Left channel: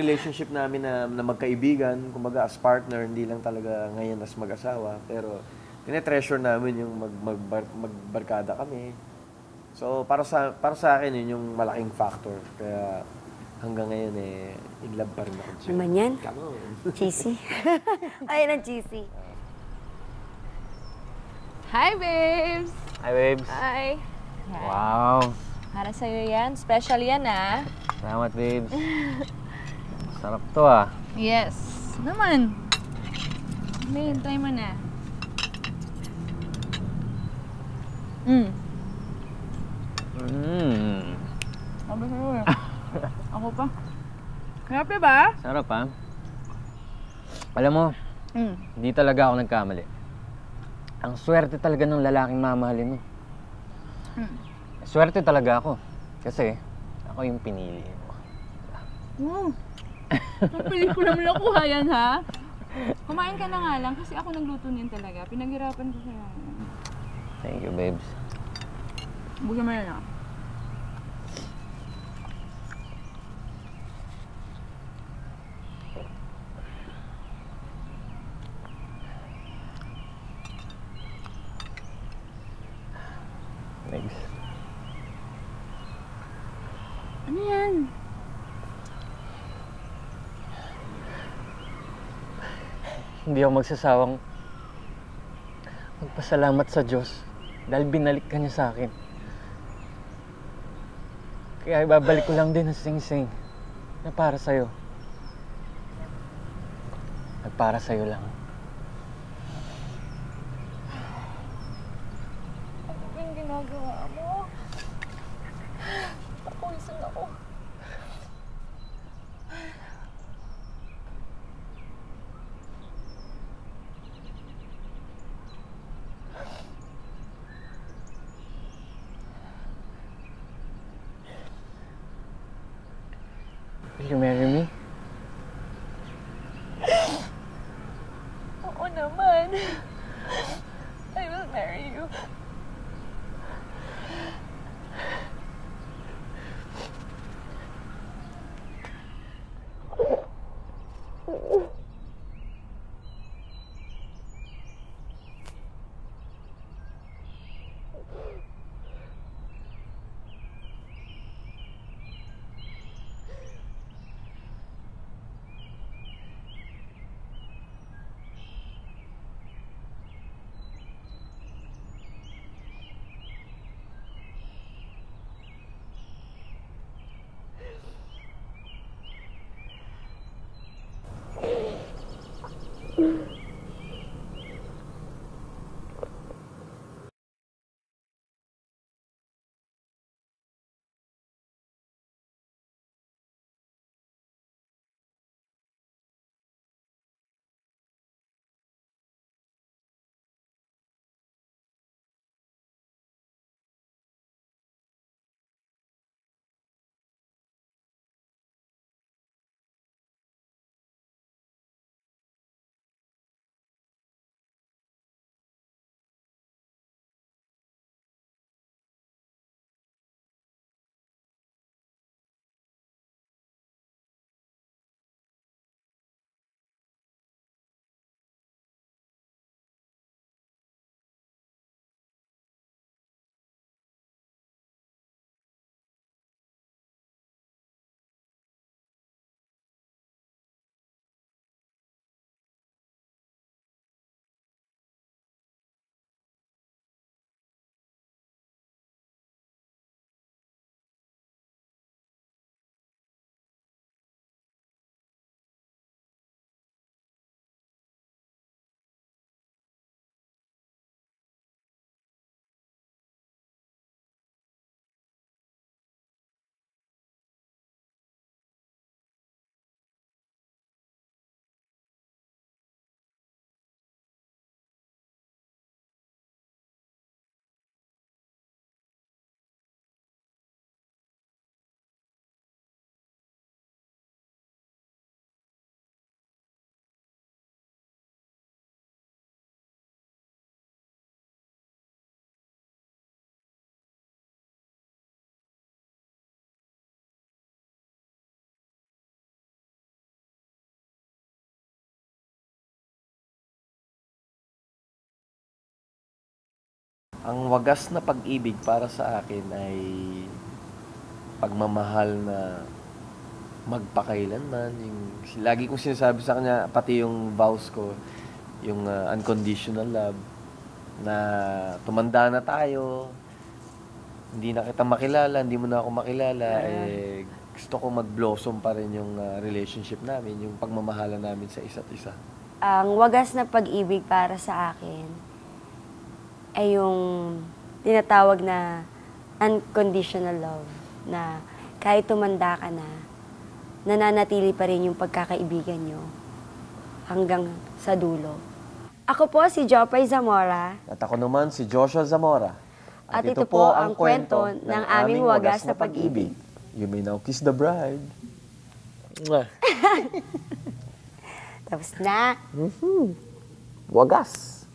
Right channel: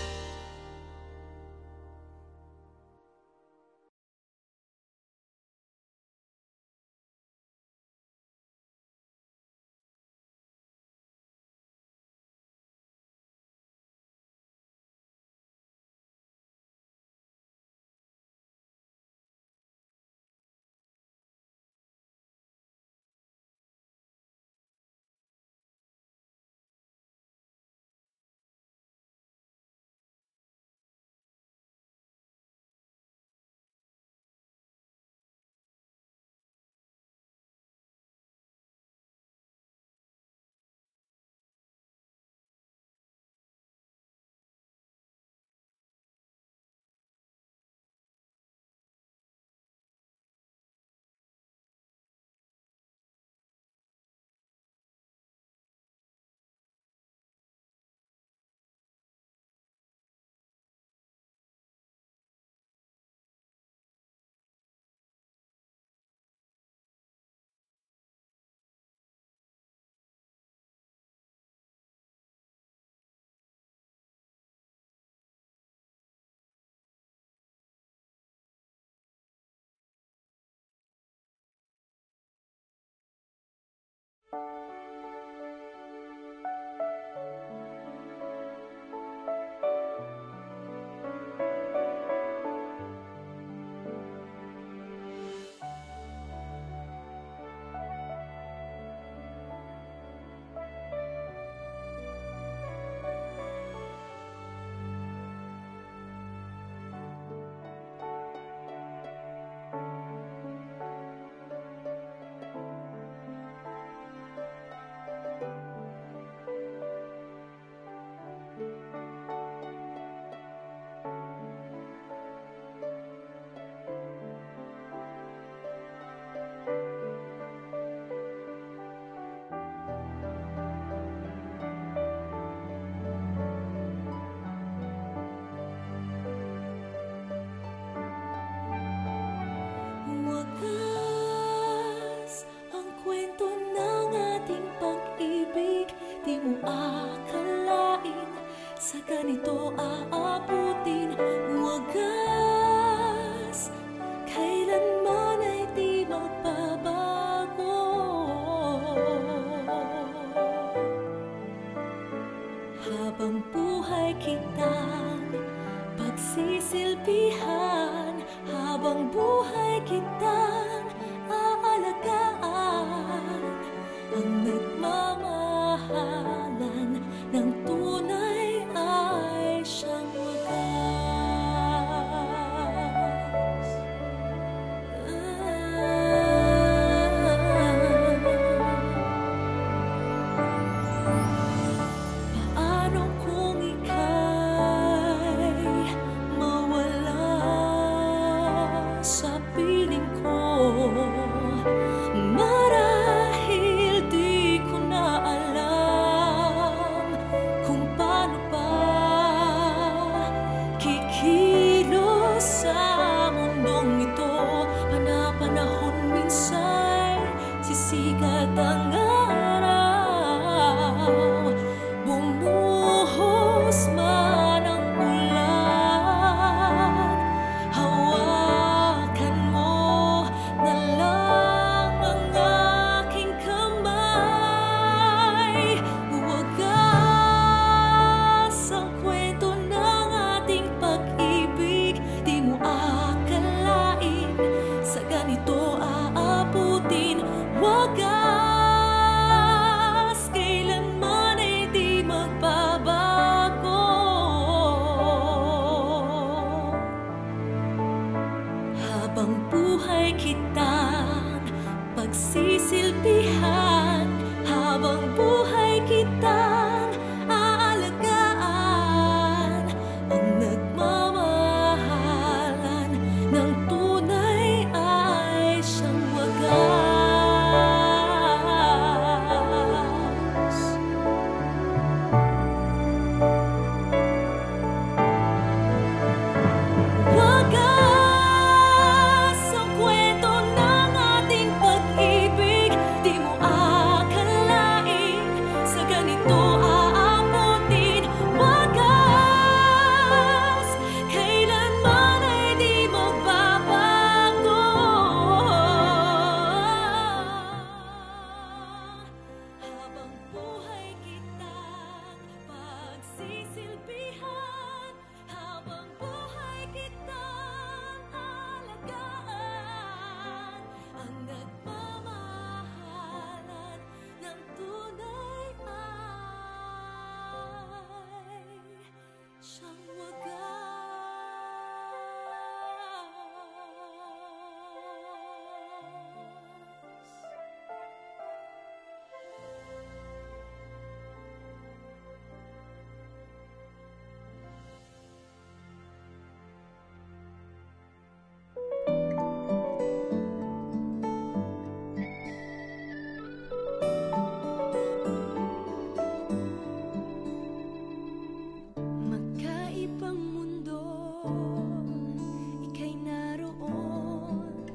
relationship namin na magkaibigan, kumbaga as partner, hindi lang talaga ngayon as mag-asawa. Pero tinetreasure namin yung magbarkada kami. So, para sa akin, yun yung malaking factor. Kaya hanggang ngayon, in love pa rin ako. Naman yan? Cheesy. Ayun ang cheesy. Hi, babes! Hi, babes. Hi. Wow. Para sa'yo yan. Special yan, ah. Salamat, babes. Sarap to, ah. Yes. Naman. May hintay mo na. Sabi sa'yo eh. Ako pa. Sarap diba? Sarap, ah. Alam mo, hindi talaga ako nagkamali. Ang swerte talaga ng lalaking mamahalin mo. Swerte talaga ako. Kasi ako yung pinili mo. Wow. Napili ko naman nakuha yan, ha? Kumain ka na nga lang kasi ako nagluto niyan talaga. Pinaghirapan ko siya. Thank you, babes. Bukin mo na. Thanks. Ano yan? Hindi ako magsasawang magpasalamat sa Diyos dahil binalik ka niya sa akin. Kaya ibabalik ko lang din ang sing-sing na para sa'yo. At para sa'yo lang. Ang ginagawa mo? Napulisan ako. Will you marry me? Oo naman. I will marry you. Ang kwento ng ating pag-ibig, di mo akalain sa ganito aabutin. Wagas, kailanman ay di magbabago. Habang buhay kitang pagsisilbihan, habang buhay kitang aalagaan, ang nagmamahalan ng tunay ay siyang wagas. Paano kung ika'y mawala sa piling ko? Marahil di ko na alam kung paano pa kikilos sa mundong ito. Panapanahon minsan sisikat ang araw, bumuhos man ang ulan, hawakan mo na lang ang aking kamay. Wagas ang kwento ng ating pag-ibig, di mo akalain sa ganito aabutin. Wagas, kailanman wagas na pag-ibig para sa akin ay pagmamahal na magpakailanman. Lagi kong sinasabi sa kanya, pati yung vows ko, yung unconditional love, na tumanda na tayo, hindi na kita makilala, hindi mo na ako makilala, eh, gusto ko mag-blossom pa rin yung relationship namin, yung pagmamahalan namin sa isa't isa. Ang wagas na pag-ibig para sa akin ay yung tinatawag na unconditional love, na kahit tumanda ka na, nananatili pa rin yung pagkakaibigan nyo hanggang sa dulo. Ako po si Jopay Zamora. At ako naman si Joshua Zamora. At ito po ang kwento ng aming wagas na pag-ibig. You may now kiss the bride. Tapos na. Wagas.